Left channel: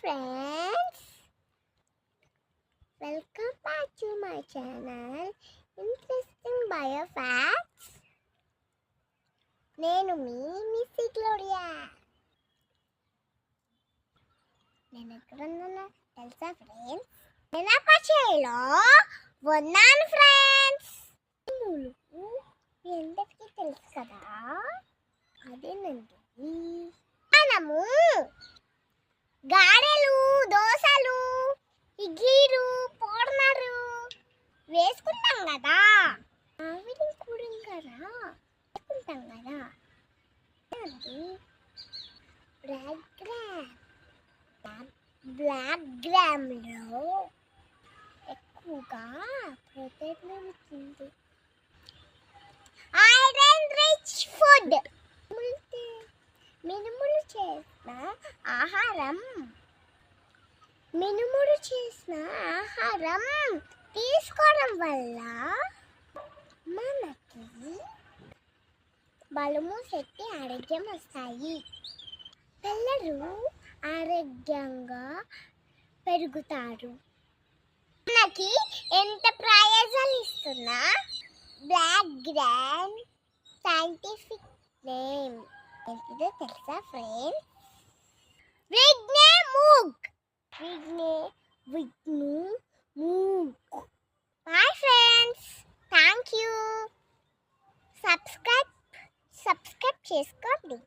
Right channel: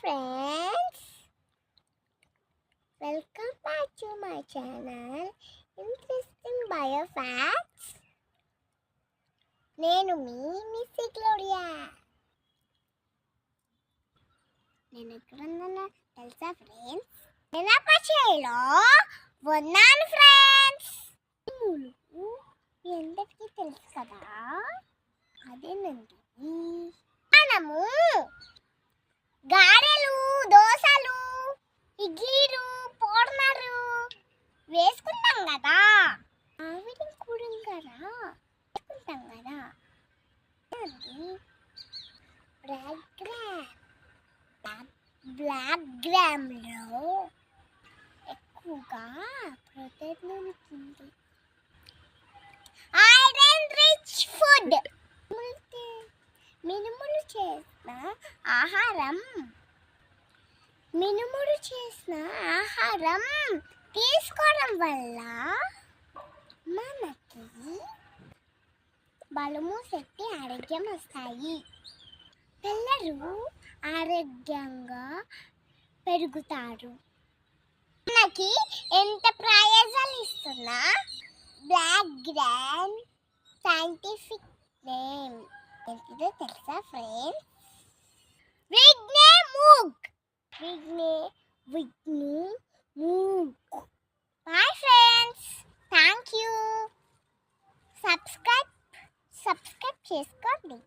friends, welcome back to my channel Interesting Bio Facts. నేను మీ Missy Gloria. నేను ఎక్కడున్నానో తెలుసా friends? నేను పచేలో ఉన్నాను ఫ్రెండ్స్. ములుగు మీ అందరికీ తెలుసు కదా, అదేనండి మనము గారెలు, దోశలు, ఇడ్లీలు, పోర్నరు వేసుకుంటాం కదా, ఆవిరి కూడంగారా వేసుకుంటాం కదా. బ్లాక్ గ్రామ్లో ఎక్కువగా ప్రోటీన్ ఉంటుంది. ఐరన్ రిచ్ ఫుడ్ మినుములు చేసిన ఆహారం తీసుకోవడం వల్ల మనకి బలము, శక్తి, ఆరోగ్యం వస్తాయి. పిల్లలు ఆరోగ్యంగా పెరుగుతారు. మనకి ఎంత ప్రయోజనాలు ఇస్తున్నా బ్లాక్ గ్రామ్ సైంటిఫిక్ నేమ్ ఏంటిదో తెలుసా friends? విఘ్నే Moog. Bye friends. Thank you. Subscribe చేసుకోండి.